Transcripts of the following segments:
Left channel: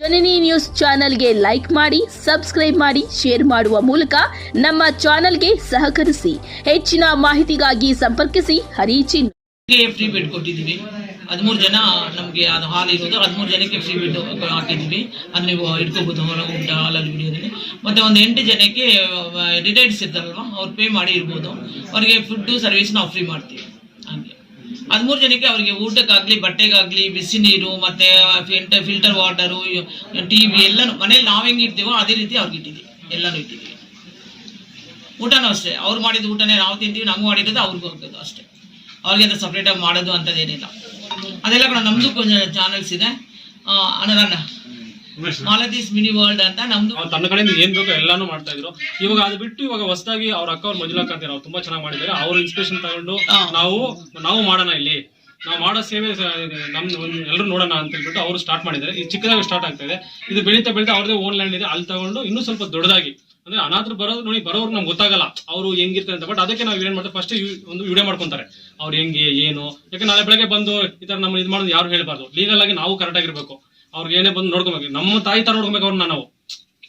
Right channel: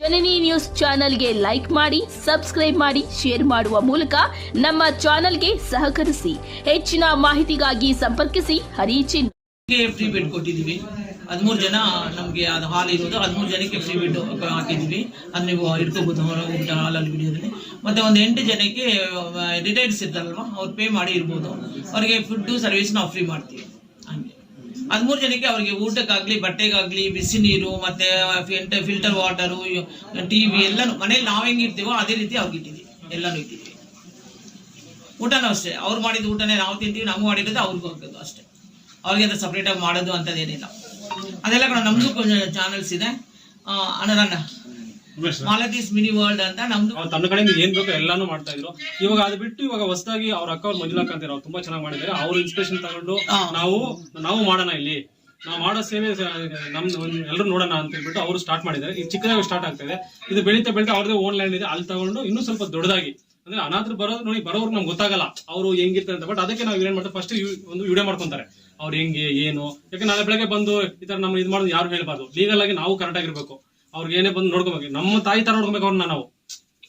ಜನನಿ news ಚಾನೆಲ್ಗೆ like ಮಾಡಿ, subscribe ಮಾಡಿ, ಶೇರ್ ಮಾಡುವ ಮೂಲಕ ನಮ್ಮ ಚಾನೆಲ್ಗೆ ಸಹಕರಿಸಿ. ಹೆಚ್ಚಿನ ಮಾಹಿತಿಗಾಗಿ ಸಂಪರ್ಕಿಸಿ. ಹರಿಚಿನ್. ಫ್ರೀ ಬೆಡ್ ಕೊಟ್ಟಿದ್ದೀವಿ. ಹದಿಮೂರು ಜನ ನಮಗೆ ಅದು ಹಾಲ್ ಇರೋದು. ಹದಿಮೂರು ಜನಕ್ಕೆ ಫ್ರೀ ಬೆಡ್ ಹಾಕಿದ್ದೀವಿ. ಅದು ನೀವು ಇಟ್ಕೋಬೋದು ಹೊರಗೆ ಊಟ ಹಾಲಲ್ಲಿ ವಿಡಿಯೋದಲ್ಲಿ ಮತ್ತೆ ಒಂದು ಎಂಟು ಜನಕ್ಕೆ ರಿಟೈರ್ಡ್ಸ್ ಇರ್ತಾರಲ್ವ ಅವ್ರು ಪೇ ಮಾಡಿ ಇರ್ಬೋದು. ಅವರಿಗೆ ಫುಡ್ಡು ಸರ್ವಿಸ್ ನಾವು ಫ್ರೀ ಮಾಡ್ತೀವಿ. ಹದಿಮೂರು ಜನಕ್ಕೆ ಅವರಿಗೆ ಊಟಕ್ಕಾಗಲಿ ಬಟ್ಟೆಗಾಗಲಿ ಬಿಸಿ ನೀರು ಮತ್ತು filter filter water T V ಎಲ್ಲನೂ ಮನೇಲಿ ನಾವು ಹೆಂಗೆ ಇರ್ತೀವೋ ಅದೇ ರೀತಿ ಅವ್ರಿಗೆ ಇಟ್ಟಿದ್ದೀವಿ ಎಲ್ಲನೂ ಇಟ್ಟಿದ್ದೀವಿ ಊಟನೂ ಅಷ್ಟೇ ಅವ್ರು ಮಾಡಿದ ಊಟನೇ ನಾವು ತಿಂತೀವಿ ನಮ್ಗೆ ಮಾಡಿರೋದು ಅವ್ರಿಗೂ ಹೋಗೋದು ಅಷ್ಟೇ. ಅವ್ರಿಗೆ ಅಂತ ಸಪ್ರೇಟಾಗಿ ಮಾಡೋದು ಅಂಥದ್ದೇನಿಲ್ಲ ಅದೆಲ್ಲ ಕೂಡ ನಮ್ಮದು ಚಾನಲ್ಸ್ ಇದೆ. ಆ, ಮಾಲತೀಸ್ ಮಿನಿ ವರ್ಲ್ಡ್ ಅಂತ ನಮ್ದು ಅವ್ರು ತನ್ನ ಕಡೆಯಿಂದ ಏನ್ ಬೇಕೋ ಎಲ್ಲಾನು ಮಾಡ್ತಾ ಇದ್ರು. ಇವಾಗ ಅದು ಬಿಟ್ಟು ಇವಾಗ ಹೊಸದಾಗಿ ಅವ್ರ ಅಕ್ಕ ಅವ್ರ ಮಂಜುಳಾ ಕಾಂತಿ ಅವ್ರು ತುಂಬಾ ಚೆನ್ನಾಗಿ ಮಾಡಿದ್ದಾರೆ. ಅವ್ರ ಇನ್ಸ್ಪಿರೇಷನ್ ತಗೊಂಡು ಹಾ. ನಾವು ನಾವು ಮಾಡೋಣ ಇಲ್ಲಿ. ನಾವು ಮಾಡೋ ಸೇವೆ ನಮ್ ಎಲ್ಲರೂ ನೋಡೋಣ ಅಂತ ಹೇಳ್ಬಿಟ್ಟು ಅವರು ಸ್ಟಾರ್ಟ್ ಮಾಡಿದ್ದಾರೆ. ಇದು ಚಿಕ್ಕದಾಗಿ ಸ್ಟಾರ್ಟ್ ಆಗ್ತಾ ಇದೆ. ಇದು ಬೆಳೀತಾ ಬೆಳೀತಾ ಅವ್ರದೇ ಓನ್ ಲ್ಯಾಂಡ್ ಇದೆ. ಅಲ್ಲಿ ತಗೊಂಡು ಇನ್ನೂ ಸ್ವಲ್ಪ ದೊಡ್ಡದಾಗಿ. ಅಂದ್ರೆ ಅನಾಥರು ಬರೋದು ನೋಡಿ ಬರೋರು ನಮ್ಗೆ ಗೊತ್ತಾಗಲ್ಲ. ಅವರು ಹೆಂಗಿರ್ತಾರೆ ಅಂತ. ಬಟ್ ಅದಕ್ಕೆ ನಾವು ಏನ್ ಮಾಡ್ತಾರೆ ಫಸ್ಟ್ ಒಂದು ವಿಡಿಯೋ ಮಾಡ್ಕೊಂತಾರೆ. ಅವ್ರು ಹೆಂಗೆ ಏನು? ಯಾಕೆ ನಾಳೆ ಬೆಳಗ್ಗೆ ಬಂದು ಈ ತರ ನಮ್ಮ ಇದು ಮಾಡೋದು ಯಾರು ಹೇಳ್ಬಾರ್ದು? ಲೀಗಲ್ ಆಗಿ ನಾವು ಕರೆಕ್ಟ್ ಆಗಿರ್ಬೇಕು. ಅವ್ರಿಗೆ ಏನೇ ಬಂದು ನೋಡ್ಕೊಬೇಕು. ನಮ್ಮ ತಾಯಿ ತರ ನೋಡ್ಕೊಬೇಕು ಅವ್ರನ್ನ ನಾವು.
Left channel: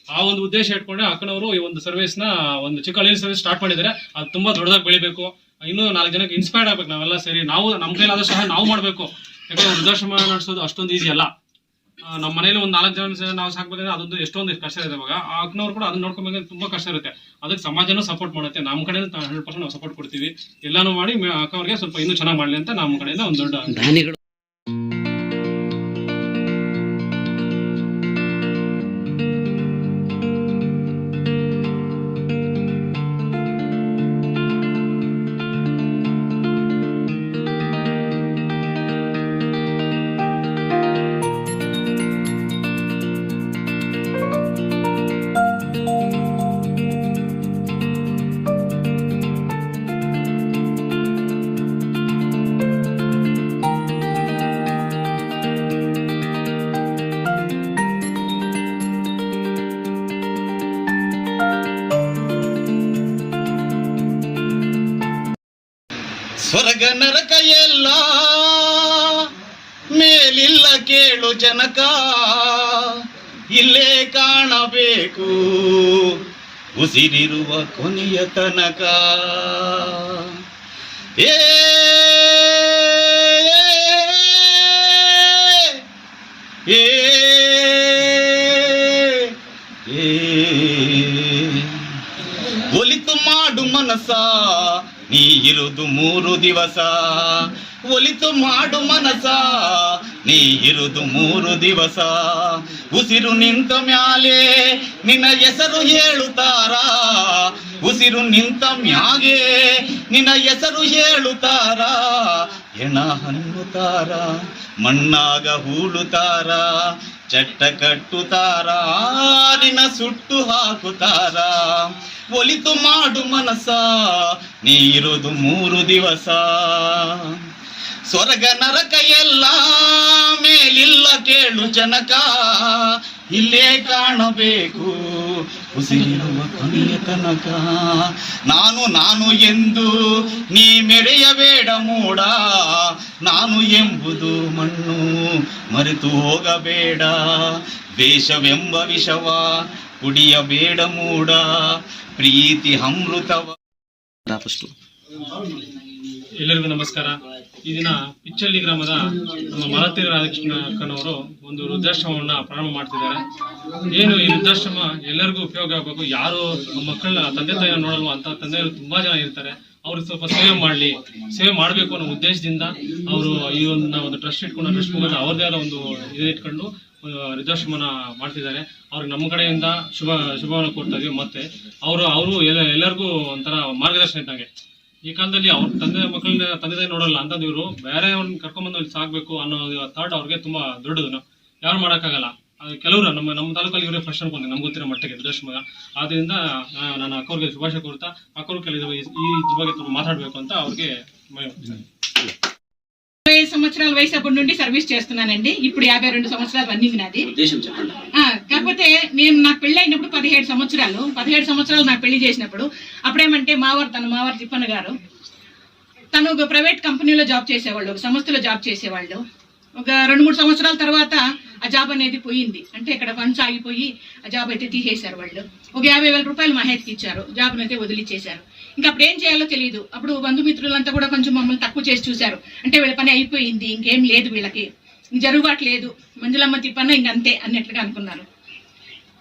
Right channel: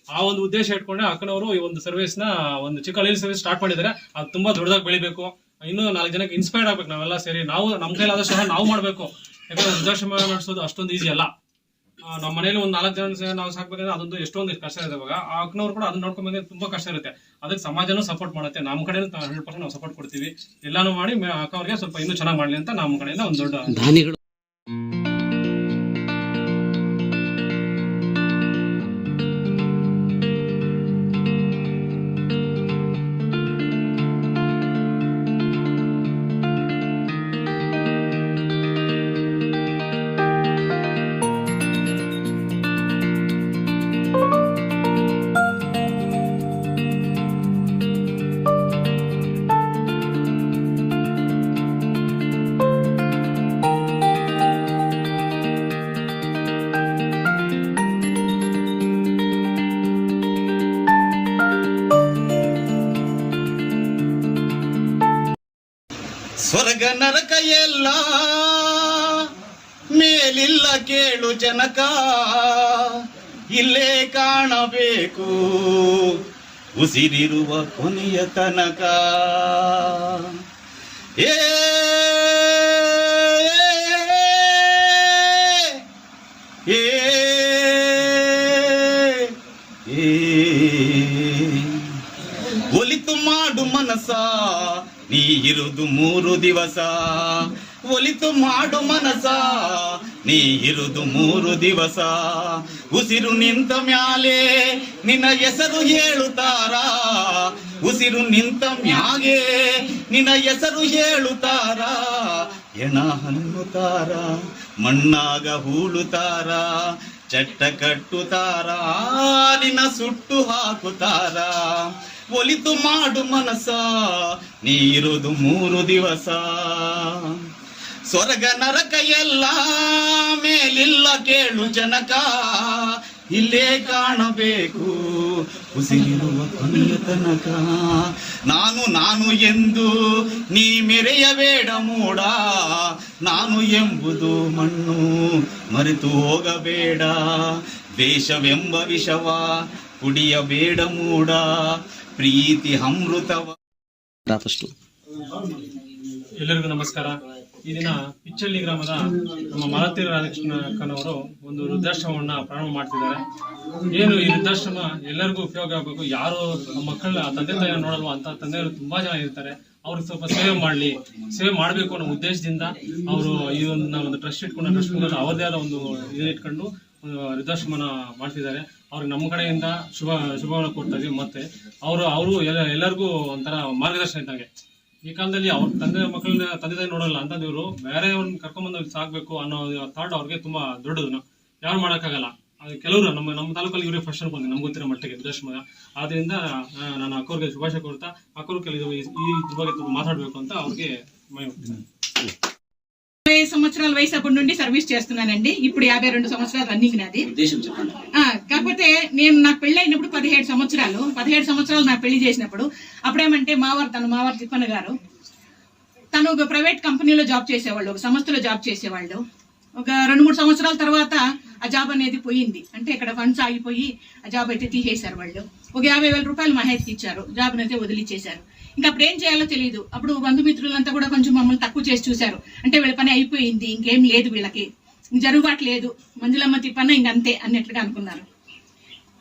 ಆ ಒಂದು ಉದ್ದೇಶ ಇಟ್ಕೊಂಡೆ ಅಕ್ಕನವರು ಈ ಒಂದು ಸರ್ವಿಸ್ನ, ಒಂದು ಚಿಕ್ಕ ಹಳ್ಳಿ ಸರ್ವಿಸ್ ಸ್ಟಾರ್ಟ್ ಮಾಡಿದ್ದಾರೆ. ಅದು ತುಂಬಾ ದೊಡ್ಡದಾಗಿ ಬೆಳಿಬೇಕು. ಇನ್ನೂ ನಾಲ್ಕು ಜನಕ್ಕೆ ಇನ್ಸ್ಪೈರ್ ಆಗ್ಬೇಕು ನಾವೆಲ್ಲ ಸೇರಿ. ನಾವು, ನಮ್ಮ ಕೈಲಾದಷ್ಟು ಸಹ ನಾವು ಮಾಡಬೇಕು. ಯಾಕಂದ್ರೆ ವೃದ್ಧಾಶ್ರಮ ನಡೆಸೋದು ಅಷ್ಟೊಂದು ಈಸಿ ಅಲ್ಲ. ನಮ್ಮ ಮನೇಲಿ ಒಂದು ನಾಲ್ಕು ಜನ ನಾವು ಸಾಕ್ಬೇಕಂದ್ರೆ ಅದೊಂದು ಎಷ್ಟೊಂದು ಕಷ್ಟ ಇದೆ ಇವಾಗ. ಆ ಅಕ್ಕನವ್ರು ಕೂಡ ಅದನ್ನ ನೋಡ್ಕೊಬೇಕಂದ್ರೆ ತುಂಬಾ ಕಷ್ಟ ಇರುತ್ತೆ. ಅದಕ್ಕೆ ಸಮಾಜನೂ ಸಪೋರ್ಟ್ ಮಾಡುತ್ತೆ. ನಮ್ಮ ಕಡೆಯಿಂದ ಹಂಡ್ರೆಡ್ ಪರ್ಸೆಂಟ್ ನಾವು ಸಪೋರ್ಟ್ ಕೊಡ್ತೀವಿ. ಎಲ್ಲಾನು ಮಾಡಿ ಅಕ್ಕವ್ರಿಗೆ ಸ್ವಲ್ಪ ಇನ್ನೂ ಚೆನ್ನಾಗಿ ಮಾಡಲಿ ಅಂತ ನಮ್ಮ ಕಡೆಯಿಂದ ಒಂದು ದೊಡ್ಡ ಸ್ವರ್ಗ ನರಕ ಎಲ್ಲ. ಮೇಲಿಲ್ಲ ಕೇಳು ಜನಕ. ಇಲ್ಲೇ ಕಾಣಬೇಕು ಉಸಿರಿರುವ ಕೊನೆಯ ತನಕ. ಏ ಏ ಒಲಿತು ಮಾಡು ಮನಸ ನೀ ಇರುದು ಮೂರು ದಿವಸ. ಒಲಿತು ಮಾಡು ಮನಸ. ನೀ ಇರುದು ಮೂರು ದಿವಸ. ಉಸಿರು ನಿಂತ ಮ್ಯಾಲೆ ನಿನ್ನ ಹೆಸರು ಹೇಳುತ್ತಾರ. ಉಸಿರು ನಿಂತ ಮ್ಯಾಗೆ ನಿನ್ನ ಹೆಸರು ಹೇಳುತ್ತಾರ. ಹೆಣ ಹನ್ನುತ್ತಾರ ಮಣ್ಣಾಗ ಹೂಳುತ್ತಾರ. ಚಟ್ಟ ಕಟ್ಟುತ್ತಾರ ನಿನ್ನ ಸುಟ್ಟು ಹಾಕುತ್ತಾರ ಒಲಿತು ಮಾಡು ಮನಸ ನೀರುದು ಮೂರು ದಿವಸ? ಸ್ವರ್ಗ ನರಕ ಎಲ್ಲ ಮೇಲಿಲ್ಲ ಕೇಳು ಜನಕ? ಇಲ್ಲೇ ಕಾಣಬೇಕು. ಉಸಿರಿರುವ ಕೊನೆಯ ತನಕ. ನಾನು ನಾನು ಎಂದು ನೀ ಮೆರೆಯಬೇಡ ಮೂಡ. ನಾನು ಎಂಬುದು ಮಣ್ಣು ಮರೆತು ಹೋಗಬೇಡ. ದೇಶವೆಂಬ ವಿಷವ ಕುಡಿಯಬೇಡ ಮೂಡ. ಪ್ರೀತಿ ಅಮೃತವ. ಎಲ್ಲರಿಗೂ ನಮಸ್ಕಾರ. ಈ ದಿನ ಪಿಚ್ಚಳ್ಳಿ ಗ್ರಾಮದ ನಮ್ಮ ಮಲತಿ ರಾಧಾಕೃಷ್ಣ ಕಣ್ಣವರು ಒಂದು ವೃದ್ಧಾಶ್ರಮವನ್ನ ಪ್ರಾರಂಭ ಮಾಡ್ತಿದ್ದಾರೆ. ಏನು ಈ ವೃದ್ಧಾಶ್ರಮ ಎಲ್ಲರಿಗೂ ಉಪಯೋಗ ಆಗಬೇಕು, ಯಾರು ಮಕ್ಕಳ ತಂದೆ ತಾಯಿ ನೋಡಲ್ವ ಅಂತ ತಂದೆಯವರು ತುಂಬಾ ಜನ ಇರ್ತಾರೆ. ಅವ್ರಿಗೆ ಸ್ವಲ್ಪ ಸೇವೆ ಮಾಡಲಿ, ಸೇವೆ ಮಾಡಬೇಕು ಅನ್ನೋ ಉದ್ದೇಶದಿಂದ ಅವರು ಈ ಒಂದು ನಾವು ಒಂದು ಟ್ರಸ್ಟ್ ಇಟ್ಕೊಂಡು, ಟ್ರಸ್ಟ್ ಮುಖಾಂತರ ಅವ್ರದೇ ಆದ ಒಂದು ಇದನ್ನ ಇಟ್ಕೊಂಡು ವೃದ್ಧಾಶ್ರಮನ ಮಾಡ್ತಿದ್ದಾರೆ. ಅವ್ರಿಗೆ ನಮ್ಮ ಕಡೆಯಿಂದ ಶುಭ, ಶುಭವನ್ನು ಕೊಡ್ತಾ ಇದೀವಿ. ಮತ್ತೆ ಅವರು ಅವರು ಎಲ್ಲ, ಎಲ್ಲರಿಗೂ ಒಂಥರ ಮಾರ್ಗದರ್ಶನ ಇದ್ದಂಗೆ. ಈ ಕಾಲದಲ್ಲಿ ಅವ್ರ ತಂದೆ ಮಕ್ಕಳನ್ನ ತಂದೆ ತಾಯಿ ನೋಡಲ್ಲ ಅಂತ ಇವರು ಬೇರೆ ಅವ್ರನ್ನ ಕರ್ಕೊಂಡ್ಬಂದು ಇಲ್ಲಿ ಸಾಕ್ಬೇಕು ಅನ್ನೋ ಥಾಟ್ ಅವ್ರಿಗೆ ತುಂಬಾ ದೊಡ್ಡದು ಯಾರು ಮಾಡೋಕ್ಕಾಗಲ್ಲ ಅದು ಕೆಲವರು ನಮ್ಮ ನಮ್ಮ ತಾಲೂಕಲ್ಲಿ ಇವರೇ ಫಸ್ಟ್ ಅನ್ಕೊಂತೀನಿ ನಮ್ಗೆ ಗೊತ್ತಿರೋ ಮಟ್ಟಿಗೆ ವೃದ್ಧಾಶ್ರಮ ಆದ್ರಿಂದ ಆ, ನಾನು ಅಕ್ಕವ್ರಿಗೆ ಶುಭಾಶಯ ಕೊಡ್ತಾ ಅಕ್ಕವ್ರು ಕೆಲವು ಈ ಈ ಇದ್ರ ಬಗ್ಗೆ ತುಂಬ ಮಾತಾಡಬೇಕು ಅಂತ ಅವ್ರಿಗೆ ಮನವಿ ಮಾಡ್ತೀನಿ. ఇరవై సంవత్సరాల వయసు అప్పటి నుండి సర్వీస్ చేస్తున్నానండి ఇప్పుడు యాభై రెండు సంవత్సరాలు రన్నింగ్ నాది ఆ, కాకపోతే నేను నాకు పెళ్ళి అయినప్పుడు పదిహేడు సంవత్సరాలు పదిహేడు సంవత్సరాలు నాకు పెళ్ళి చేసినప్పుడు అప్పుడేమంటే మావారు తన మావారు తిప్పన్న గారు తను ఒక ప్రైవేట్ కంపెనీలో జాబ్ చేసేవాళ్ళు ఒక సంస్థలో జాబ్ చేసేవాళ్ళు. ఒక రెండు మూడు సంవత్సరాల తర్వాత ఆ జాబ్ అనేది పోయింది. అంటే ఇక్కడ ఫండ్స్ ఆగిపోయి ఆ జాబ్ అయితే తీసేశారు వాళ్ళు. ఒక యాభై వేల రూపాయలు మహేష్కి ఇచ్చారు. జాబ్ని అయితే వదిలిచ్చేశారు. ఇంకా అప్పుడు ఏం చేయాలో తెలియదు అప్పుడు బంధుమిత్రులంతా కూడా కొంచెం మమ్మల్ని తక్కువ చేసి చూశారు. అంటే వీళ్ళ పని అయిపోయింది ఇంకేం లేదు వీళ్ళకి. జరుగుబాటు లేదు. మంజులమ్మ తిప్పన్న ఇంకంతే అన్నట్లుగా అనుకున్నారు.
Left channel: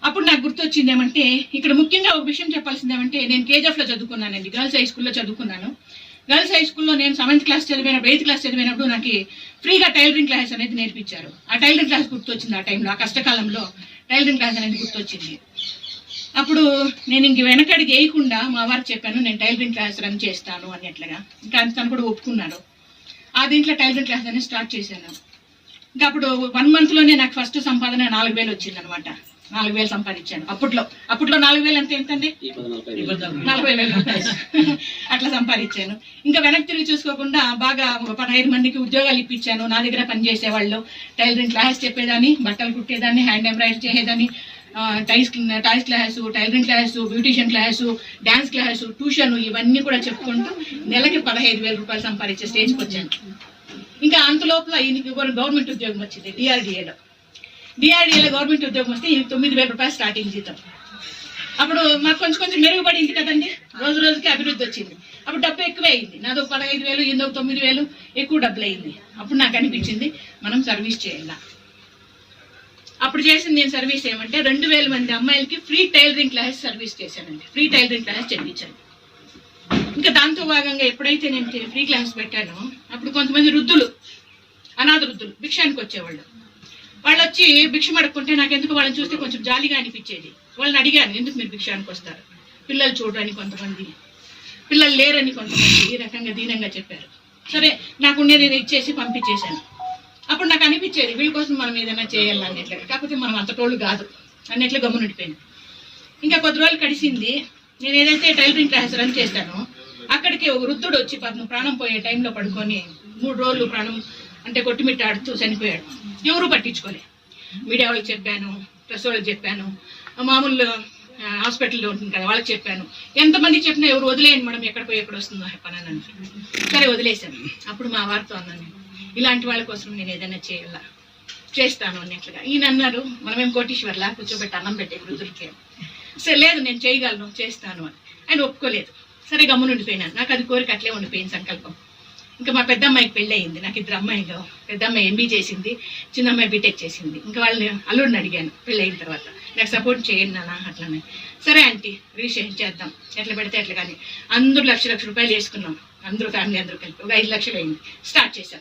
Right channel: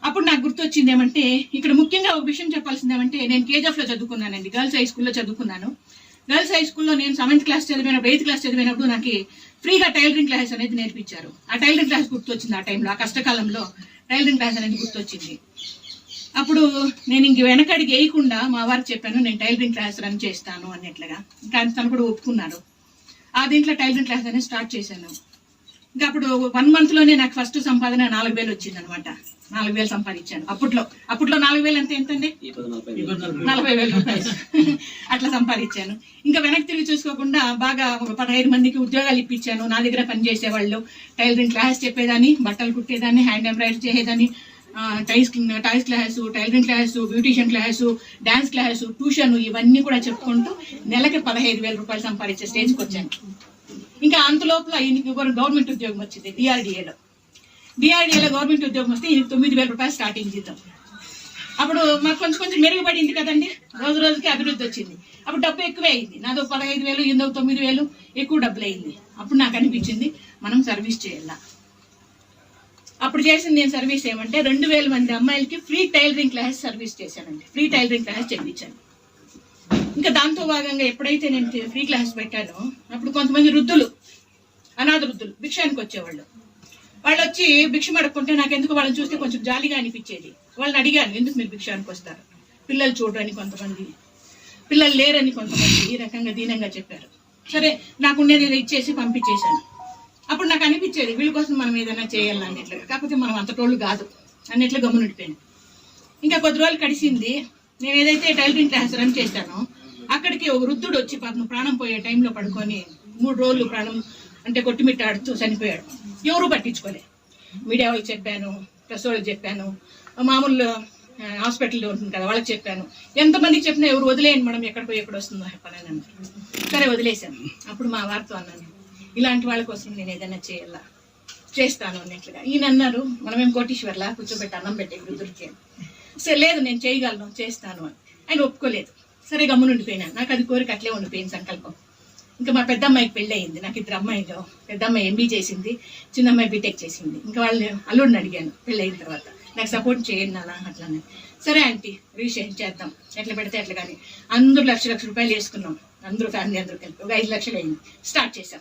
అప్పుడు నాకు గుర్తొచ్చింది ఏమంటే ఇక్కడ ముఖ్యంగా ఒక విషయం చెప్పాల్సింది ఏమంటే నేను కేజీఎఫ్లో చదువుకున్నానండి గర్ల్స్ హై స్కూల్లో చదువుకున్నాను. గర్ల్స్ హై స్కూల్లో నేను సెవెంత్ క్లాస్ చదివినప్పుడు ఎయిత్ క్లాస్ చదివినప్పుడు నాకు ఫ్రీగా టైలరింగ్ క్లాస్ అనేది నేర్పించారు. ఆ టైలరింగ్ క్లాస్ గుర్తొచ్చింది ఆ టైంలో ఆ కష్టకాలంలో టైలరింగ్ క్లాస్ అనేది గుర్తొచ్చింది. అప్పుడు నేను ఇంక వెనకడికి వేయకుండా మా వారికి చెప్పాను నేను టైలరింగ్ క్లాస్ రన్ చేస్తాను అన్నట్లుగా ఇంకా తను కూడా ఒప్పుకున్నారు. ఆ దీంట్లో టైలరింగ్ క్లాస్ అనేది స్టార్ట్ చేశాను. ఇంకా అప్పుడు వన్ మంత్లోనే నాకు ఫస్ట్ సంపాదన నాలుగు వేలు వచ్చింది అనమాట నాలుగు వేలు సంపాదించాను. అప్పట్లో అప్పట్లో నాలుగు వేలు అంటే ఎంతండి? నలభై వేలు అట్లా సంపాదించాను. ఇంకా వెనక్కి తిరిగి చూసుకోకుండా బాగా పదహైదు మందికి ఉద్యోగాలు ఇప్పించాను. నా దగ్గర పనిచేసే వాళ్ళు టైలరింగ్ క్లాస్ చెప్పేదాన్ని బట్టలు కుట్టేదాన్ని హ్యాండ్ ఎంబ్రాయిడరీ చేసేదాన్ని. Ties ties class tailoring class beautician class dance class tuition ఇవన్నీ కూడా చెప్పుకుంటూ నెలకి పదహైదు వేల రూపాయలు సంపాదించే స్టేజ్కి వచ్చాను. ఇంకా అంత లోపల ఈయనకి గవర్నమెంట్ ఉద్యోగం వచ్చింది డిఆర్డిఏలో డిఆర్డిఏలో గవర్నమెంట్ ఉద్యోగం వస్తే ఈయనకి తొమ్మిది వేల రూపాయలు స్టార్టింగ్ జీతం. అప్పుడు మాకు కొంచెం కొంచెం మెరుగుపడింది కదండి. రోజు రోజుకి అభివృద్ధి వచ్చింది. అప్పుడు డబ్బు ఎక్కువే అయింది. నాదో పదహైదు వేలు ఎందుకు తొమ్మిది వేలు ఎక్కువ డబ్బులు అయింది. అప్పుడు నాకు అనిపించింది మనం సర్వీస్ చేయాల. అప్పుడు చేసిన నేను సర్వీస్ ఏమంటే రెండు వేల మంది అమ్మాయిలకి ఫ్రీ టైలరింగ్ క్లాస్ సర్వీస్ చేశానండి. ఫ్రీ టైలరింగ్ క్లాస్ చెల్లించాను ఇంకా దాంతో భాగంగా ఎప్పుడైతే నేను ఫ్రీ క్లాస్ పెట్టానో అప్పుడు కొంతమంది వృద్ధులు అనాథ వృద్ధులు భిక్షానికి వచ్చేవాళ్ళు. వాళ్ళు వచ్చి భిక్ష అడుక్కుంటే నాకు ఎందుకు వాళ్ళని చూస్తే కొంచెం జాలిగా అనిపించేది. వాళ్ళని అడిగాను ఎందుకు మీరు భిక్షానికి వస్తారు? పిల్లలు చూడరని కొంతమంది పిల్లలు లేరని కొంతమంది ఈ రకంగా దీనంగా చెప్పారు. సరే నాకుండేది ఇచ్చేసి పంపించేశాను. అప్పుడు నాకు అనిపించేది వీళ్ళ కోసం మనం ఏదైనా చేయాలి అన్నట్లుగా. కాకపోతే మనం అంతటోళ్ళు కాదు అన్నట్లు గమ్మునుండిపోయింది ఇంకా కొద్ది రోజులు కడిసింది. నేను ఏదైతే టైలరింగ్ క్లాస్ రన్ చేశానో అక్కడికి ఒక వృద్ధుడు వచ్చి పాపం ప్రాణం పోయే టైంలో పడుకొని మూడు రోజులు ప్రాణం అంటే కొట్టుమిట్టాడుతూ చనిపోయాడు. ఎవరు పట్టించుకోలే. మీడియా వాళ్ళకి చెప్పాను ప్రెస్ వాళ్ళకి చెప్పాను మామూలు హాస్పిటల్లో ఉంటుంది కదా వాళ్ళకి చెప్పాను. ఎంతమందికి చెప్పినా ఎవరు వదిలేయండి మనం ఎక్కడ పోయి ఎక్కడ వస్తుందో పని అని సరే వదిలేశాను. అప్పుడు మా వారితో అన్నాను ఇలాంటి వాళ్ళ కోసం నేను ఏదైనా చేయాలా? చేస్తాను అన్నట్లుగా. ఈయన అన్నారు మనమేం కోటీశ్వర్లా? కూర్చోబెట్టి అన్నం పెట్టే వృద్ధులకి సరే లేదు నేను చేయగలను చేస్తాను అని. ఆయన ఒప్పుకోలేదు. సరే గమ్మునుండిపోయినాను నాకు అది కోరిక అట్లే ఉండిపోయింది సంకల్పం. ఇంకా మా పెద్ద అమ్మాయికి పెళ్ళి అయింది నాకు ఇద్దరు అమ్మాయిలు. పెద్ద అమ్మాయి ఎంబీ చేసింది చిన్న అమ్మాయి బీటెక్ చేసింది. ఇంకా వాళ్ళని అల్లుడిని అడిగాను పెళ్ళి అయిన తర్వాత. నాకు సపోర్ట్ చేయండి నాన్న అట్లానే. సరే ఆంటీ రిజిస్ట్రేషన్ చేద్దాం. ఎట్లా పెడితే ఎట్లా కానీ. అందరూ లక్ష లక్ష రూపాయలు వేసుకున్నాం అందరూ ఫ్యామిలీ అందరూ కలిపి. ఒక ఐదు లక్షలు అయింది. స్టార్ట్ చేశాం.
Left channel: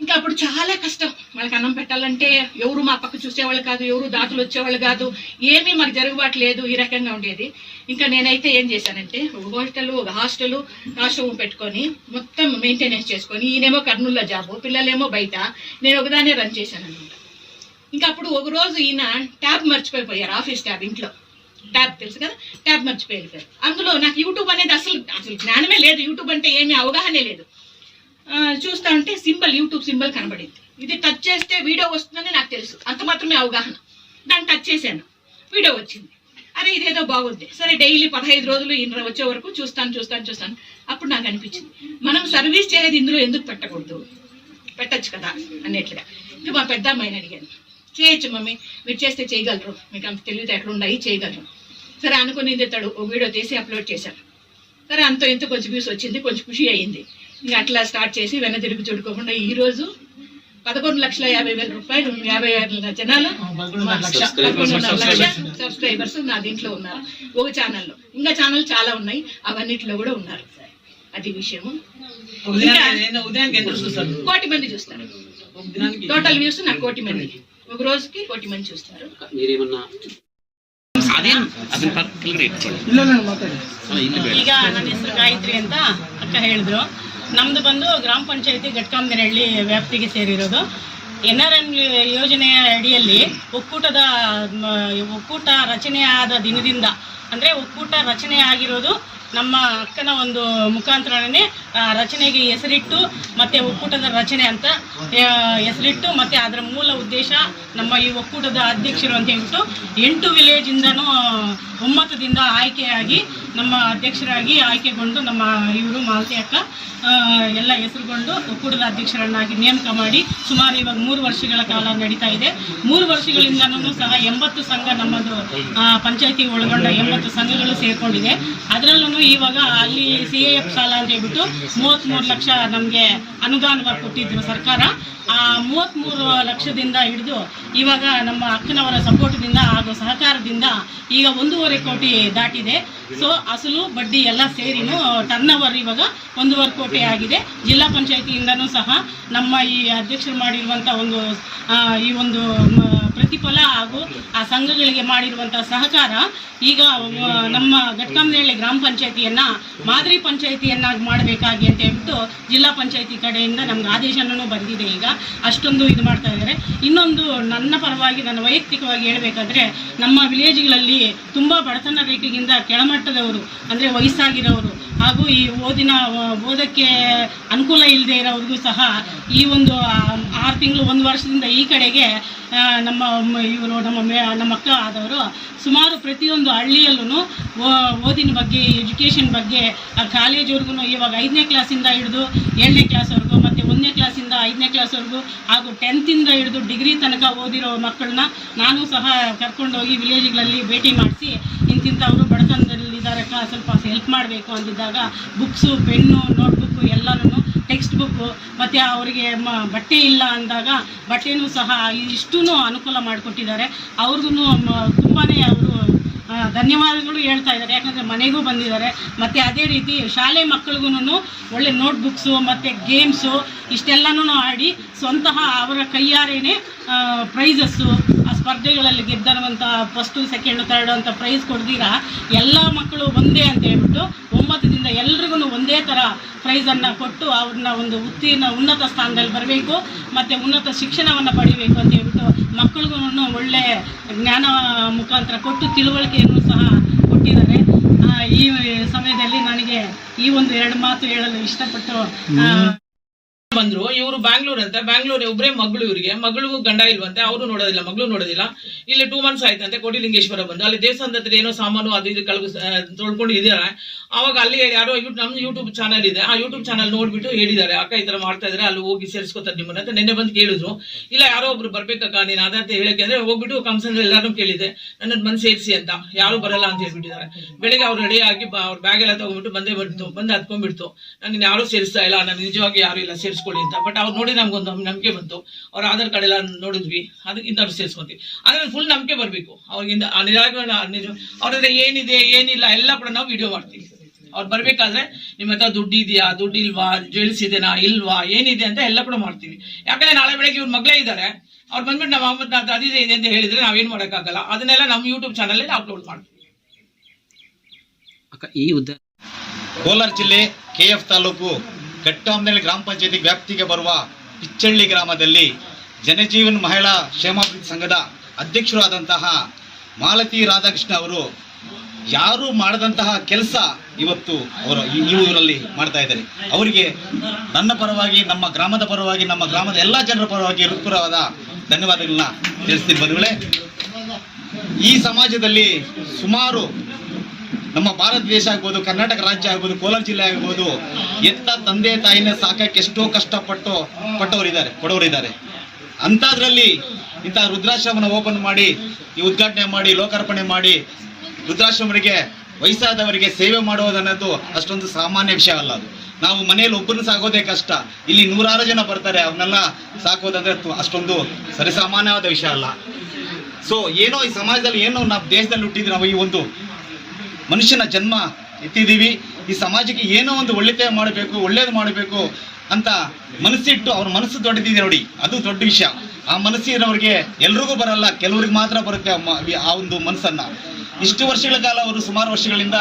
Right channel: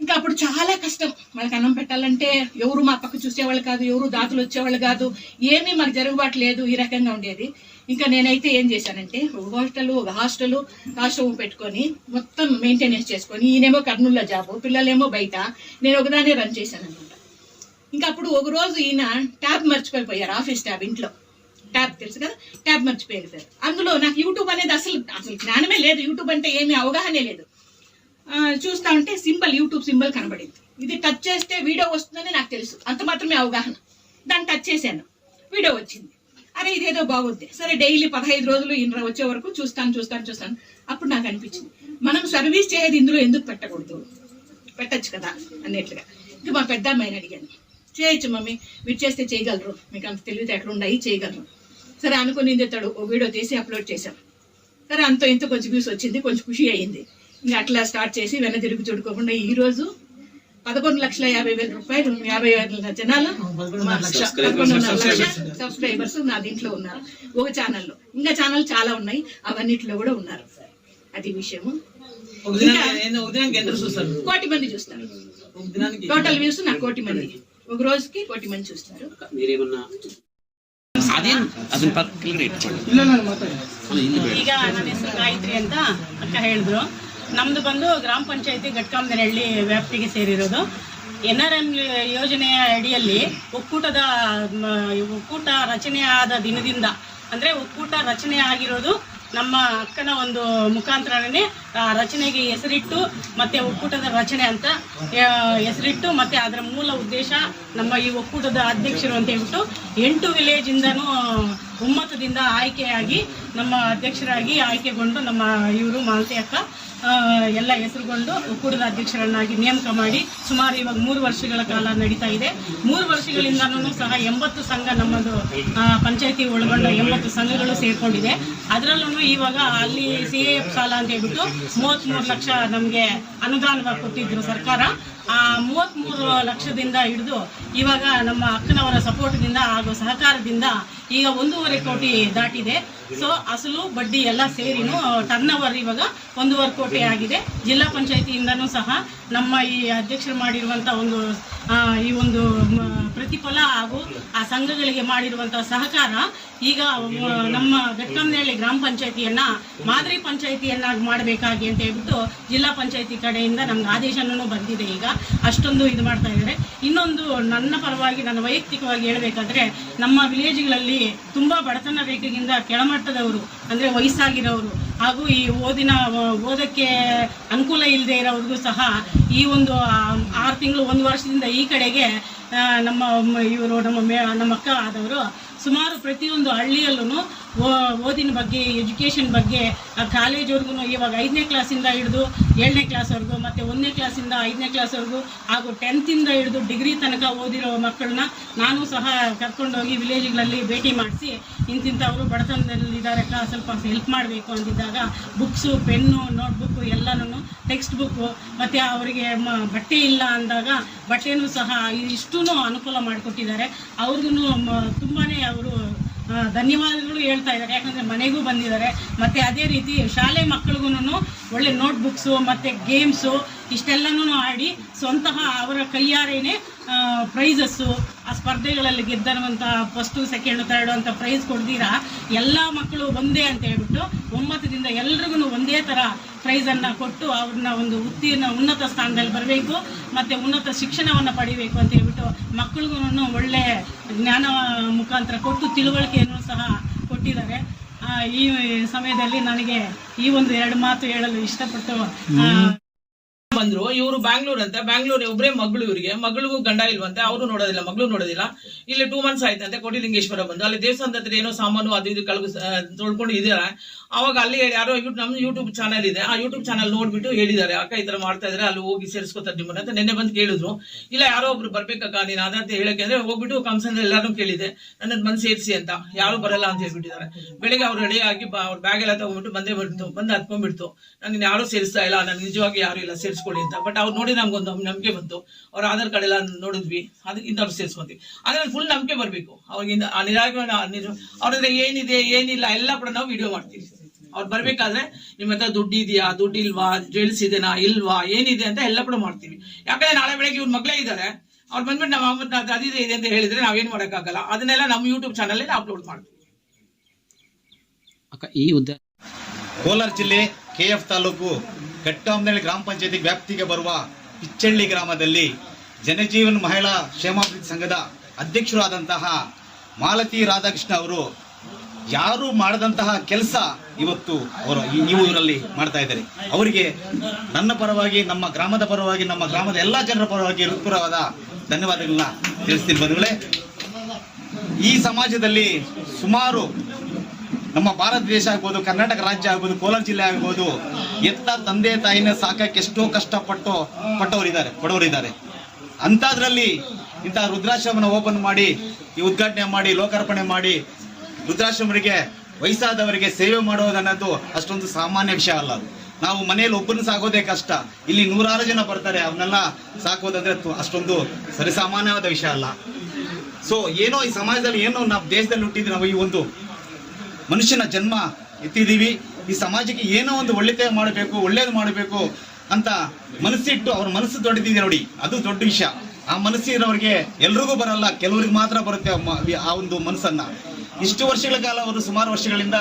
ఇంకా అప్పుడు చాలా కష్టం. మనకు అన్నం పెట్టాలంటే ఎవరు మా పక్క చూసేవాళ్ళు కాదు ఎవరు దాతలు వచ్చేవాళ్ళు కాదు ఏమీ మాకు జరుగుబాటు లేదు ఈ రకంగా ఉండేది. ఇంకా నేనైతే ఏం చేశానంటే ఒక హాస్టల్ ఒక హాస్టల్ హాస్టల్ పెట్టుకొని మొత్తం మెయింటెనెన్స్ చేసుకొని ఈయనేమో కర్నూలులో జాబు పిల్లలేమో బయట నేను ఒకదానే రన్ చేశాను అనమాట ఇంకా అప్పుడు ఒక రోజు ఈయన ట్యాబ్ మర్చిపోయిపోయారు ఆఫీస్ ట్యాబ్ ఇంట్లో. ట్యాబ్ తెలుసు కదా? ట్యాబ్ మర్చిపోయారు అందులో నాకు యూట్యూబ్ అనేది అసలు అసలు జ్ఞానమే లేదు. యూట్యూబ్ అంటే ఏమీ అవగాహనే లేదు. చూస్తా ఉంటే సింబల్ యూట్యూబ్ సింబల్ కనబడింది. ఇది టచ్ చేస్తే వీడియో వస్తుందని నాకు తెలుసు. అంత మాత్రమే అవగాహన. దాన్ని టచ్ చేశాను. వీడియో వచ్చింది. అరే ఇదేదో బాగుంది. సరే డైలీ పదహైదు రోజులు ఈయన వచ్చే వరకు చూస్తాను చూస్తాను చూస్తాను. అప్పుడు నాకు అనిపించింది. మనం సర్వీస్ చేసేది ఇందులో ఎందుకు పెట్టకూడదు? పెట్టచ్చు కదా అన్నట్లుగా. ఇంకా మా పెద్ద అమ్మాయిని అడిగాను. చేయొచ్చు మమ్మీ. మీరు చేస్తే చేయగలరు. మీకు అంత తెలివితే ఎక్కడ ఉన్నాయి చేయగలరు. సరే అనుకుని తెస్తాడు ఓ వీడియో తీసి అప్లోడ్ చేశాను. సరే అంత ఇంత కొంచెం వ్యూస్ వచ్చింది కొంచెం ఖుషి అయ్యింది అట్లా స్టార్ట్ చేసి వెన్న తిరిగి చూడుకోకుండా ఈ రోజు పదకొండు లక్షల యాభై వేల రూపాయలు యాభై వేల జనాలు పదకొండున్నర లక్ష సబ్స్క్రైబర్స్ నా దీంట్లో ఉన్నారు ఒక ఛానల్లో ఇంకా ఛానల్ చాలా ఉన్నాయి అవన్నిట్లో కూడా ఉన్నారు అది విషయము ఒక దినానికి ఏందో ఉదయానికి ఎంత చూస్తారు కోటి మంది చూస్తారు ఒక దినానికి టోటల్ వ్యూస్ నాకు కోటి మంది ఒక రోజుకి కోటి మంది చూస్తారు ಈಗ ನನ್ನ ಹೆಸರು ಗಾಯತ್ರಿ ಅಂತ ಅಕ್ಕ ಹೇಳಿದ್ರು ನಮ್ದು ಬಂದು ಗ್ರಾಮ ಪಂಚಾಯತಿ ಘಟ್ಕಾಂಬನಹಳ್ಳಿ ವ್ಯಾಪ್ತಿಗೆ ಸೇರಿರೋದು. ಎನ್ ಆರ್ ಎನ್ ಯೋಜನೆಯ ಅಡಿಯಲ್ಲಿ ಒಕ್ಕೂಟದ ಒಕ್ಕೂಟ ರಚನೆಯಾದ ದಿನದಿಂದ, ಅಂದರೆ ಒಕ್ಕೂಟ ರಚನೆ ಆಗಿರೋದು ನಮ್ಮ ಅಕ್ಕನ ಒಂದು ಮುಖಾಂತರನೇ ರಚನೆಗೆ ಹೆಸರಿಟ್ಟು, ಮತ್ತೆ ಒಕ್ಕೂಟದ ರಚನೆ ಅಂತ ಹೆಸರಿಟ್ಟು, ಮತ್ತೆ ಅದರ ಮೂಲ ಉದ್ದೇಶ ನಮ್ಮ ಈ ಒಕ್ಕೂಟದ ಅಧ್ಯಕ್ಷರು ಅಂತ ಹೇಳ್ಬಿಟ್ಟು ಎಂಟು ವಿಲೇಜಿಂದನೂ ಒಮ್ಮತದಿಂದ ಆಯ್ಕೆಯಾಗಿ, ನಮ್ಮ ಅಧ್ಯಕ್ಷರಾಗಿ ಆಯ್ಕೆಗೊಂಡು ನಮ್ಮ ಇವರು ಮಾಲತಿ ಅಕ್ಕ ಎಲ್ಲ ಹೆಸರುಗೊಂಡು ಒಕ್ಕೂಟದ ಅಧ್ಯಕ್ಷರನ್ನಾಗಿ ನೇಮಕ ಮಾಡಿ ಸುಮಾರು ಇವಾಗ ಮೂರು ವರ್ಷಗಳ ಕಾಲ ನಡೀತಾ ಇದೆ. ಮೂರು ವರ್ಷಗಳಿಂದನೂ ಸಹ ಎಂಬತ್ತು ಸಂಘ ನಮ್ಮದು ಪಂಚಾಯತಿ ಒಳಗೊಂಡ ಎಂಬತ್ತು ಸಂಘಗಳು ಸೇರ್ಕೊಂಡಿದೆ. ಅದರಲ್ಲೂ ಇವಾಗ ಅಲ್ಲಿ ಸಿ ಎ ಎಫ್ ಸಾಲ ಅಂತ ಹೇಳ್ಬಿಟ್ಟು ಮೂವತ್ತ್ಮೂರು ಲಕ್ಷ ನಮಗೆ ಅನುದಾನವಾಗಿ ಕೊಟ್ಟಿದ್ರು ಸರ್ಕಾರ. ಆ ಮೂವತ್ತ್ಮೂರು ಲಕ್ಷದಿಂದ ಹಿಡಿದು ಇವಾಗ ನಮ್ಮ ಅಕ್ಕನವರ ಸಪೋರ್ಟ್ದಿಂದ ಹಾಗೂ ಸಹಕಾರದಿಂದ ಈಗ ಒಂದೂವರೆ ಕೋಟಿ ದಾಟಿದೆ. ಸೊ ಅಸಲು, ಬಡ್ಡಿ ಎಲ್ಲ ಸೇರಿನೂ ಟರ್ನ್ ಓವರ್ ಇವಾಗ ಒಂದೂವರೆ ಕೋಟಿ ಆಗಿದೆ. ಜಿಲ್ಲಾ ಪಂಚಾಯತಿಯಿಂದನೂ ಸಹ ನಮ್ಮ ಈ ಅಧ್ಯಕ್ಷರು ಮಾಡಿರುವಂಥ ಒಂದು ಈ ಒಂದು ಪ್ರತಿಫಲ ಹಾಗೂ ಆ ಸಂಘಗಳಿಗೆ ಮಾಡಿರುವಂಥ ಸಹಕಾರ ಈಗ ನಮ್ಮ ಘಟ್ಕಂನಹಳ್ಳಿ ಗ್ರಾಮ ಪಂಚಾಯತಿಯನ್ನ ಮಾದರಿ ಪಂಚಾಯತಿಯನ್ನಾಗಿ ಮಾಡಬೇಕಾಗಿ ಅಂತ ಹೇಳ್ಬಿಟ್ಟು ಜಿಲ್ಲಾ ಪಂಚಾಯತಿ ಕಡೆಯಿಂದ ನಮ್ಗೆ ಆದೇಶನೂ ಬಂದಿದೆ ಈಗ. ಅಷ್ಟೊಂದು ಇದು ಮಾಡ್ತಾ ಇದ್ದಾರೆ. ಇನ್ನೊಂದು ನನ್ನ ಪರವಾಗಿ, ನನ್ನ ವೈಯಕ್ತಿಕವಾಗಿ ಹೇಳಬೇಕಾದ್ರೆ, ನಮ್ಮ ವಿಲೇಜ್ಗಳಲ್ಲಿ ತುಂಬ ಬಡತನ ರೇಖೆಗಿಂತ ಕೆಳಮಟ್ಟದವರು, ಅಂದರೆ ವಯಸ್ಸಾಗಿರೋರು, ಹಾಗೂ ಈ ಓದಿನ, ಓದಕ್ಕೆ ಅನುಕೂಲ ಇಲ್ಲದೆ ಇರೋವ್ರಿಗೂ ಸಹ ಈ ಒಂದು ಆರು ತಿಂಗಳು, ಒಂದು ವರ್ಷದಿಂದ ಈ ಕಡೆಗೆ ನಮ್ಮ ಇವರು, ನಮ್ಮ ಮೇ, ನಮ್ಮ ಅಕ್ಕ ಆದವರು ಸುಮಾರು ಪ್ರತಿಯೊಂದು ಹಳ್ಳಿಯಲ್ಲೂ ಓದಿನ ಬಗ್ಗೆ ಎಜುಕೇಷನ್ ಬಗ್ಗೆ, ಆ ಕಾಲೇಜ್ವರೆಗೂ ಇವಾಗ ಐದನೇ ಕ್ಲಾಸಿಂದ ಹಿಡಿದು ಏಳನೇ ಕ್ಲಾಸ್ವರೆಗೂ ಮತ್ತು ಒಂದನೇ ಕ್ಲಾಸಿಂದ ಐದನೇ ಕ್ಲಾಸ್ವರೆಗೂ ಹಾಗೂ ಟೆಂತಿಂದ ಹಿಡಿದು ಡಿಗ್ರಿ ತನಕ ಓದಿರೋ ಮಕ್ಕಳನ್ನ ನಾನು ಸಹ ಕರ್ಕೊಂಡೋಗಿ ವಿಲೇಜ್ಗಳಲ್ಲಿ ಭೇಟಿ ಮಾಡಿಸಿ, ಇಂತಿಂಥವರು ಬಡತನದಲ್ಲಿದ್ದಾರಕ್ಕ ಸ್ವಲ್ಪ ಹೆಲ್ಪ್ ಮಾಡಬೇಕು ಅಂದಿದ್ದಾಗ ಬುಕ್ಸು ಪೆನ್ನು ನೋಟ್ಬುಕ್ಕು ಎಲ್ಲನೂ ಟೆಕ್ಸ್ಟ್ ಬುಕ್ಕು ಮತ್ತು ಅವರಿಗೆ ಮ, ಬಟ್ಟೆ ಇಲ್ಲ ಅಂದಾಗ ಬಟ್ಟೆನೂ ಸಹ ಇಷ್ಟೂ ಅನುಕೂಲ ಮಾಡಿಕೊಟ್ಟಿದ್ದಾರೆ. ಅವ್ರಿಗೂ ತುಂಬಾ ಧನ್ಯವಾದಗಳು ಹೇಳ್ತಾ ಇದ್ದಾರೆ. ಯಾಕಂದರೆ ಮನೆಗೂ ಬಂದಿದ್ದಾರೆ. ಮತ್ತು ಅದೇ ರೀತಿ ಶಾಲೆ ಮಕ್ಕಳಿಗೂ ಒಳ್ಳೆ ನೋಟ್ಬುಕ್ಸು ಮತ್ತು ಗೇಮ್ಸು ಇಷ್ಟೆಲ್ಲನೂ ಆಡಿ ಸ್ವಂತಹ ಅವರ ಕೈಯಾರೇನೆ ಪ್ರೈಸಸ್ಸು, ಆ ಸ್ಪರ್ಧೆಗಳಲ್ಲಿ ಗೆದ್ದಿರುವಂಥ ಫಸ್ಟು ಸೆಕೆಂಡು ತರ್ಡು ಅಂತ ಪ್ರೈಸ್ ಕೊಡ್ದಿರ ಎಲ್ಲ ಮಕ್ಕಳು ಒಂದೇ ಅಂತ ಹೇಳ್ಬಿಟ್ಟು ಒಂಬತ್ತದಿಂದ ಎಲ್ರಿಗೂ ಒಂದೇ ಥರ ಪ್ರೈಸನ್ನು ಕೊಟ್ಟು ಅವ್ರನ್ನ ಒಂದು ಉತ್ತೀರ್ಣ ಉನ್ನತ ಸ್ಥಾನದಲ್ಲಿ ಬರಬೇಕು, ಮತ್ತು ಉನ್ನತ ಶಿಕ್ಷಣವನ್ನು ಪಡಿಬೇಕು ಅಂತ ಹೇಳ್ಬಿಟ್ಟು ಮಕ್ಕಳಿಗೂ ಒಳ್ಳೆ ಜ್ಞಾನ ಮುಖಾಂತರ ಕೊಟ್ಟು ತಿಳುವಳಿಕೆಯನ್ನು ಸಹ ಕೊಟ್ಟಿದ್ದಾರೆ. ಈ ಸಮಯದಲ್ಲಿ ನನಗೆ ಈ ಒಂದು ಎರಡು ಮಾತು ಹೇಳಲು ಇಷ್ಟಪಟ್ಟು ಬಂದ್ರು, ಇವರು ಬ್ಯಾಂಗ್ಳೂರ್ ಅಂತ ಬ್ಯಾಂಗ್ಳೂರ್ ಒಬ್ಬರೇ ಮಗಳು ಇವರಿಗೆ, ಮಗಳಿಗೂ ಗಂಡ ಇಲ್ವಂತೆ, ಅವರು ನೋಡೋದಿಲ್ಲ, ಮಗಳು ನೋಡೋದಿಲ್ಲ. ಇಲ್ಲಿ ಟೂ ಮಂತ್ಸ್ ಆಯ್ತಂತೆ, ಕೋಟಿಲಿಂಗೇಶ್ವರ ಬಂದು. ಅಲ್ಲಿ ದೇವಸ್ಥಾನದ ಹತ್ರ ಏನೋ ಸಾಮಾನು ಅದು ಇದು ಕಳಗು ತೊಳ್ಕೊಂಡು ಇದ್ದಾರೆ. ಅವಾಗ ಅಲ್ಲಿ ಯಾರೋ ನಮ್ಮ ಯೂಟ್ಯೂಬ್ ಚಾನಲ್ ಇದೆ. ಆ ಯೂಟ್ಯೂಬ್ ಚಾನಲ್ ನೋಡ್ಬಿಟ್ಟು ಹೇಳಿದ್ದಾರೆ. ಅಕ್ಕ ಈ ತರ ಮಾಡ್ತಾ ಇದ್ರೆ ಅಲ್ಲಿ ಹೋಗಿ ಸೇರಿಸ್ಕೊತಾರೆ ನಿಮ್ಮನ್ನ ಅಂತ ನೆನ್ನೆ ಬಂದು ಕೇಳಿದ್ರು. ಇಲ್ಲ, ಯಾರೋ ಒಬ್ರು ಬರ್ಬೇಕಕ್ಕ, ನೀನು ಅದಂತ ಹೇಳಕ್ಕೆ ಅಂದ್ರೆ ಹೋಗ್ಬಿಟ್ಟು ಕಂಸನ್ ಎಲ್ಲರೂ ಕೇಳಿದೆ ನನ್ನ ಬಂದು ಸೇರಿಸಿ ಅಂತ. ಯಾರು ಬರಲ್ಲ ಅಂತ ಹೇಳ್ಬಿಟ್ಟಿದ್ದಾರೆ. ಬೆಳಿಗ್ಗೆ ಅವ್ರು ರೆಡಿ ಆಗಿ ಅವ್ರ ಬ್ಯಾಗ್ ಎಲ್ಲ ತಗೊಂಡ್ಬಿಟ್ಟು ಬಂದೇ ಬರ್ತು ಬಂದು ಹತ್ಕೊಂಡ್ಬಿಡ್ತು. ನಾನು ಯಾರು ಸೇರಿಸ್ತಾ ಇಲ್ಲ, ನಾನು ನಿಜವಾಗಿ ಯಾರು ಇಲ್ಲ ಸೇರಿಸ್ಕೊಳ್ಳಿ ಅಂತ. ಬಟ್ ಅವ್ರು ನೋಡಿ ನಮ್ಗೊಂದು ನಂಬಿಕೆ ಬಂತು. ಅವ್ರ ಆಧಾರ್ ಕಾರ್ಡ್ ಎಲ್ಲ ನೋಡಿದ್ವಿ. ಅದಕ್ಕಿಂತ ಅವ್ರು ಸೇರಿಸ್ಕೊಂತೀವಿ. ಅದ್ರಲ್ಲಿ ಫುಲ್ ನಂಬಿಕೆ ಬರಬೇಕು. ಅವ್ರಿಗೆ ಆ ನಿಜವಾಗಿ ನಿಜ ಅವ್ರ ಹತ್ರ ಏನಿದೆ ಏನಿಲ್ಲ ಎಲ್ಲ ಕೂಡ ನಾವು ವಿಡಿಯೋ ಮಾಡ್ತೀವಿ. ಅವ್ರು ಬರಬೇಕಾದ್ರೆ ನಿಮ್ಮ ಹತ್ರ ದುಡ್ಡು ಇದೆಯಾ ದುಡ್ಡು ಇಲ್ವಾ ಜ್ಯುವೆಲ್ಸ್ ಇದೆನಾ ಇಲ್ವಾ ಏನಿದೆ ಅಂತ ಎಲ್ಲ ಕೂಡ ಮಾಡ್ತೀವಿ. ಯಾಕಂದ್ರೆ ನಾಳೆ ಬೆಳಗ್ಗೆ ಇವ್ರ ಮಗಳೇ ಇದ್ದಾರೆ. ಅವ್ರು ಬಂದ್ಬಿಟ್ಟು ನಮ್ಮ ಅಮ್ಮ ಅದು ಅದಿದೆ ಇದೆ ಅಂತ ಹೇಳಿದ್ರೆ ನಾವೇನು ಮಾಡೋಕ್ಕಾಗಲ್ಲ. ಅದನ್ನೆಲ್ಲ ನಮ್ಮ ಯೂಟ್ಯೂಬ್ ಚಾನಲಲ್ಲಿ ಅಪ್ಲೋಡ್ ಮಾಡ್ತೀವಿ. ಅಕ್ಕ ಈ ಉದ್ದ ಕೋಲಾರ ಜಿಲ್ಲೆ ಕೆ ಎಫ್ ತಾಲೂಕು ಘಟ್ಟಾಮನಹಳ್ಳಿ ಗ್ರಾಮ ಪಂಚಾಯತಿ ವ್ಯಾಪ್ತಿಗೆ ಬರುವ ಇಚ್ಚಳ್ಳಿ ಗ್ರಾಮದಲ್ಲಿ ಜನಜೀವನ್ ಮಹಿಳಾ ಕ್ಷೇಮಾಭಿವೃದ್ಧಿ ಸಂಘದ ಅಧ್ಯಕ್ಷರಾದಂತಹ ಮಾಲತಿ ರಾಧಾಕೃಷ್ಣ ಅವರು ಯಾರು ಮಾಡದಂತಹ ಕೆಲಸ ಇವತ್ತು ಅವರು ಊರಲ್ಲಿ ಮಾಡ್ತಾ ಇದ್ದಾರೆ. ಅವರಿಗೆ ನನ್ನ ಪರವಾಗಿ, ನಮ್ಮ ಗ್ರಾಮದ ಪರವಾಗಿ, ನಮ್ಮ ಗ್ರಾಮದ ಎಲ್ಲ ಜನರ ಪರವಾಗಿ ಹೃತ್ಪೂರ್ವವಾದ ಧನ್ಯವಾದಗಳನ್ನ ತಿಳಿಸ್ತೀನಿ ಬಂಧುಗಳೇ. ಈ ಸಮಾಜದಲ್ಲಿ ಸುಮಾರು ನಮ್ಮ ಭಾರತ ದೇಶ ಆಗ್ಬೋದು, ಕರ್ನಾಟಕ ರಾಜ್ಯ ಆಗ್ಬೋದು, ಕೋಲಾರ ಜಿಲ್ಲೆ ಆಗ್ಬೋದು, ಎತ್ತ ತಂದೆ ತಾಯಿನ ಸಾಕಕ್ಕೆ ಎಷ್ಟೋ ಕಷ್ಟಪಟ್ಟು ಪಟ್ಟವರಿದ್ದಾರೆ ಕೊಡೋರಿದ್ದಾರೆ ಅಂಥದ್ರಲ್ಲಿ ಇಂಥ ರುದ್ರಾಶ್ರಮನ ಓಪನ್ ಮಾಡಿ, ಈ ಉದ್ಘಾಟನೆ ಮಾಡಿ, ಲೋಕಾರ್ಪಣೆ ಮಾಡಿ ವೃದ್ಧಾಶ್ರಮರಿಗೆ ವಯಸ್ಸಾದವರಿಗೆ ಸೇವೆ ಮಾಡುವುದನ್ನೋದು ಅಷ್ಟೊಂದು ಸಾಮಾನ್ಯ ವಿಷಯ ಅಲ್ಲ ಅದು. ನಾವು ಮನೆಯಲ್ಲಿ ಒಬ್ಬರನ್ನ ಸಾಕೋದೇ ಕಷ್ಟ. ಇಲ್ಲಿ ನೂರಾರು ಜನ ಬರ್ತಾರೆ ಅವನ್ನೆಲ್ಲ ಸಾಕೋದಂದ್ರೆ ಅಷ್ಟೊಂದು ಸರಿಸಾಮಾನ್ಯವಾದ ವಿಷಯ ಅಲ್ಲ. ಸೊ ಏನೋ ಈ ಸಮಾಜದಲ್ಲಿ ಏನೋ ನಾವು ದೇಶದಲ್ಲಿ ಹುಟ್ಟಿದ್ವಿ ನಾವು ಈ ಒಂದು ಮನುಷ್ಯನ ಜನ್ಮ ಎತ್ತಿದ್ದೀವಿ ಈ ಸಮಾಜಕ್ಕೆ ಏನೋ ಒಂದು ಒಳ್ಳೆತೆ ಮಾಡಬೇಕು, ಒಳ್ಳೇದು ಮಾಡಬೇಕು ಅಂತ ಮನಸ್ಸಿಟ್ಟು ಅವ್ರ ಮನಸ್ಸು ದೊಡ್ಡದಿದೆ ನೋಡಿ. ಅದು ದೊಡ್ಡ ವಿಷಯ. ಆ ಮನಸ್ಸಿನವ್ರಿಗೆ ಎಲ್ರಿಗೂ ಬರಲ್ಲ, ಕೆಲವ್ರಿಗೆ ಮಾತ್ರ ಬರುತ್ತೆ ಆ ಒಂದು ಮನಸ್ಸನ್ನ. ಇಷ್ಟು ವರ್ಷಗಳ ಕಾಲ ಅವರು ಸುಮಾರು ವರ್ಷಗಳಿಂದ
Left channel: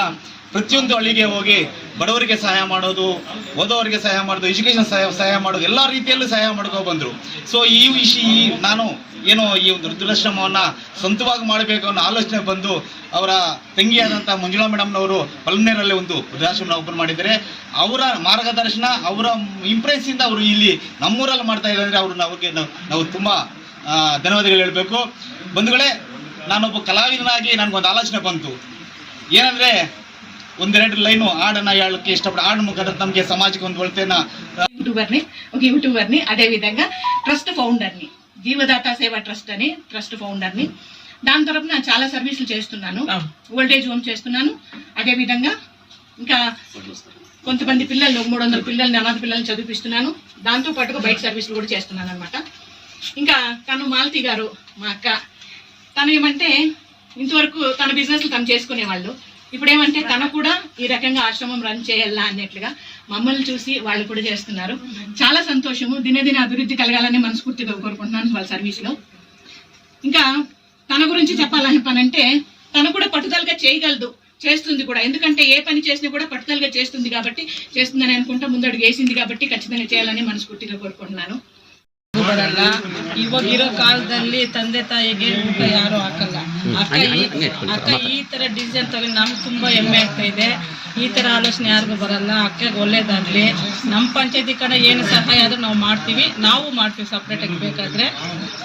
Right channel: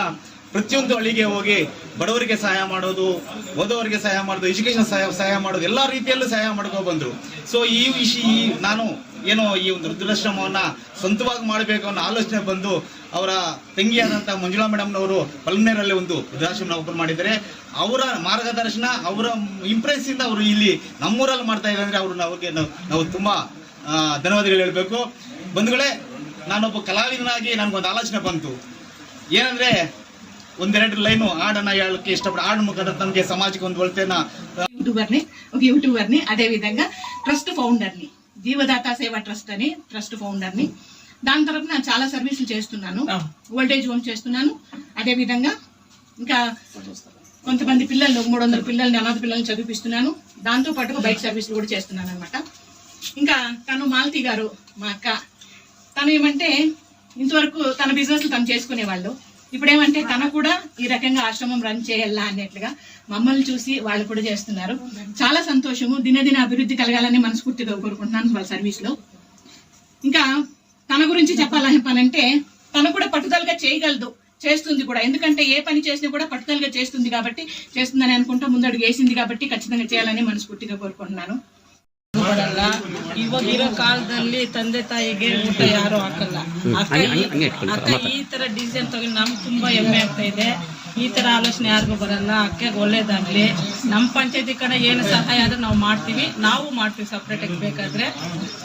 ಪ್ರತಿಯೊಂದು ಹಳ್ಳಿಗೆ ಹೋಗಿ ಬಡವರಿಗೆ ಸಹಾಯ ಮಾಡೋದು, ಓದೋರಿಗೆ ಸಹಾಯ ಮಾಡೋದು ಎಜುಕೇಶನ್ ಸಹಾಯ ಸಹಾಯ ಮಾಡೋದು, ಎಲ್ಲ ರೀತಿಯಲ್ಲೂ ಸಹಾಯ ಮಾಡ್ಕೊ ಬಂದರು. ಸೊ ಈ ವಿಷಯ ನಾನು ಏನೋ ಈ ಒಂದು ವೃದ್ಧಾಶ್ರಮವನ್ನು ಸ್ವಂತವಾಗಿ ಮಾಡಬೇಕು ಅನ್ನೋ ಆಲೋಚನೆ ಬಂದು ಅವರ ತಂಗಿಯಾದಂಥ ಮಂಜುಳಾ ಮೇಡಮ್ನವರು ಪಲ್ಮನೇರಲ್ಲಿ ಒಂದು ವೃದ್ಧಾಶ್ರಮನ ಓಪನ್ ಮಾಡಿದ್ದಾರೆ. ಅವರ ಮಾರ್ಗದರ್ಶನ, ಅವರ ಇಂಪ್ರೆನ್ಸಿಂದ ಅವರು ಇಲ್ಲಿ ನಮ್ಮೂರಲ್ಲಿ ಮಾಡ್ತಾ ಇದ್ದಾರೆ ಅಂದರೆ ಅವ್ರನ್ನ ಅವ್ರಿಗೆ ನಾವು ನಾವು ತುಂಬ ಧನ್ಯವಾದಗಳು ಹೇಳಬೇಕು. ಬಂಧುಗಳೇ, ನಾನೊಬ್ಬ ಕಲಾವಿದನಾಗಿ ನನಗೊಂದು ಆಲೋಚನೆ ಬಂತು. ಏನಂದರೆ ಒಂದೆರಡು ಲೈನು ಹಾಡನ್ನು ಹೇಳಕ್ಕೆ ಇಷ್ಟಪಡ, ಹಾಡು ಮುಖಾಂತರ ನಮಗೆ ಸಮಾಜಕ್ಕೆ ಒಂದು ಒಳ್ಳೆಯ యూట్యూబర్ని ಯೂಟ್ಯೂಬರ್ನಿ ಅದೇ ವಿಧಂಗ ಟ್ರಸ್ಟ್ ಫೌಂಡರ್ನಿ జీవదాత సేవా ట్రస్ట్ అని ట్రస్ట్ ఫౌండర్ని. దాని తరపున చాలా సర్వీసులు చేస్తున్నాను. ఓల్డేజ్ హోమ్ చేస్తున్నాను. అదే విధంగా ఇంకా కొంతమంది పిల్లలు మూడు వందల పిల్లల్ని అనాథ పిల్లల్ని చదివిపిస్తున్నాను. దాంతో పాటుగా బైక్ సర్వీసులు కూడా చేస్తున్నాను అనమాట ఇంకా తను మాలతి గారు మా అక్క. తను ఏమంటే ఇంతవరకు తన బిజినెస్ తను చేసుకునేవాళ్ళు. ఇప్పుడు ఏమంటే తను కూడా ఈ రకంగా ఆశ్రమం రన్ చేయాలా అన్నట్లుగా మమ్మల్ని చూసి వాళ్ళు కూడా చేస్తున్నారు. చాలా సంతోషము. దినదిన అభివృద్ధి కలగాలని మనస్ఫూర్తిగా కోరుకుంటున్నాను వాళ్ళ సర్వీస్లో. ఇంకా తన గురించి చెప్పాలని పని అంటే తను కూడా పట్టుదలగా చేయగలదు. చేస్తుంది కూడా. ఎందుకంటే ఏ పని చేసినా కూడా పట్టుదలగా చేస్తుంది కాబట్టి చేస్తుందని అనుకుంటా ముందడుగు వేసింది కాబట్టి ఖచ్చితంగా చేయాలని మనస్ఫూర్తిగా కోరుకుంటున్నాను. ಬರಲ್ಲ. ಇವಾಗ ಇರೋ ಕಾಲದಲ್ಲಿ ತಂದೆ ತಾಯಿಗೆ ಊಟ ಯಾರು ಹಾಕಲ್ಲ. ಅಕ್ಕ ಈ ಅಕ್ಕ ಈ ತರ ಡಿಸಿಷನ್ ತಗೊಂಡು ನಮ್ಗೆ ತುಂಬಾ ಹೆಮ್ಮೆ ಆಗ್ತಾ ಇದೆ. ಈ ತರ ಆಲೋಚನೆ ಯಾರಿಗೂ ಬರಲ್ಲ. ಅಕ್ಕಗೆ ಒಳ್ಳೇದಾಗ್ಲಿ. ನಮ್ಮ ಪಂಚಾಯತಿ ಕಡೆ ಏನು ಸಹಾಯ ಆದ್ರೂ ನಾವು ಮಾಡ್ತೀವಿ. ನಾವು ಮಾಡ್ತೀವಿ ಸಪ್ರೇಟ್ ಆಗಿ ಬೇಕಾದ್ರೆ.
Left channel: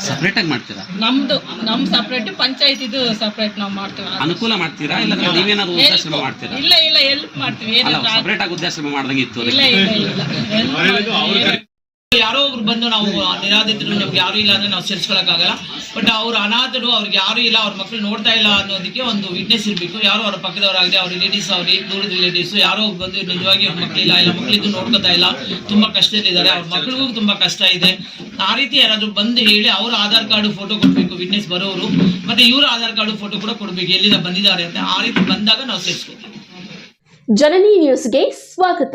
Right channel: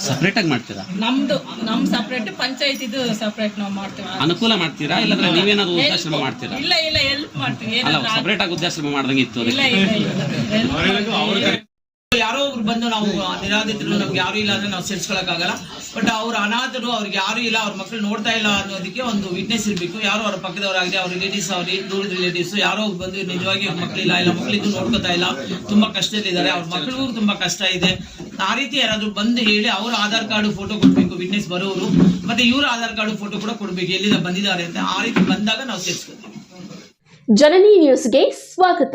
ಸಪ್ರೇಟ್ ಆಗಿ ಮಾಡ್ತೀರಾ? ನಮ್ದು ನಮ್ ಸಪ್ರೇಟ್ ಪಂಚಾಯತಿದು ಸಪ್ರೇಟ್ ನಾವು ಮಾಡ್ತೀವಿ. ಅನುಕೂಲ ಮಾಡ್ತೀರಾ? ಇಲ್ಲಾಂದ್ರೆ ನೀವೇನಾದ್ರು ವೃದ್ಧಾಶ್ರಮ ಮಾಡ್ತೀರಾ? ಇಲ್ಲ ಇಲ್ಲ ಹೆಲ್ಪ್ ಮಾಡ್ತೀವಿ. ಏನಾದ್ರು ಸಪ್ರೇಟ್ ಆಗಿ ಉದ್ದೇಶ ಮಾಡ್ದಂಗೆ ಇತ್ತು. ಇಲ್ಲ ಇಲ್ಲ ಯಾರೋ ಒಬ್ರು ಬಂದು ನಾವು ನಿರಾಧಿತರು ನಮ್ಗೆ ಯಾರು ಇಲ್ಲ ಅಂದ್ರೆ ನಾವು ಸೇರಿಸ್ಕೊಳಕ್ಕಾಗಲ್ಲ. ಬಟ್ ಅವ್ರು ಅನಾಥರು, ಅವ್ರಿಗೆ ಯಾರು ಇಲ್ಲ, ಅವ್ರ ಮಕ್ಕಳು ನೋಡ್ತಾ ಇಲ್ಲ ಅನ್ನೋದಕ್ಕೆ ಒಂದು ವಿಟ್ನೆಸ್ ಇರಬೇಕು. ಯಾರು ಅವ್ರ ಪಕ್ಕದವರಾಗಲಿ, ಅವ್ರ ರಿಲೇಟಿವ್ಸ್ ಅವ್ರಿ ದೂರದ ರಿಲೇಟಿವ್ಸ್ ಯಾರೋ ಬಂದು ನಿಜವಾಗಿ ಅವ್ರ ಮಕ್ಕಳಿಲ್ಲ ಇಲ್ಲ ಮಕ್ಕಳಿದ್ದು ನೋಡ್ಕೊತಾ ಇಲ್ಲ, ತುಂಬಾ ಕಷ್ಟದಲ್ಲಿದ್ದಾರೆ ಅವ್ರ ಮಕ್ಕಳಿಗೂ ತುಂಬಾ ಕಷ್ಟ ಇದೆ. ಆ ರೀತಿ ಯಾರಾದ್ರೂ ಬಂದು ಹೇಳಿ ಅವ್ರ ಆಧಾರ್ ಕಾರ್ಡ್ ಫೋಟೋ ಕೊಡ್ಬೇಕು ವಿಟ್ನೆಸ್ ಬರೋರು ಮತ್ತೆ ಇವ್ರ ಆಧಾರ್ ಕಾರ್ಡ್ ಫೋಟೋ ಕೂಡ ಕೊಡ್ಬೇಕು, ಎಲ್ಲಿಂದ ಬಂದಿದ್ದಾರೆ ಅಂತ ಆ ರೀತಿ ಬಂದಾಗ ನಾವು ಸೇರಿಸ್ಕೊತೀವಿ. ಜನನಿ ನ್ಯೂಸ್ಗೆ ಸ್ವಾಗತ.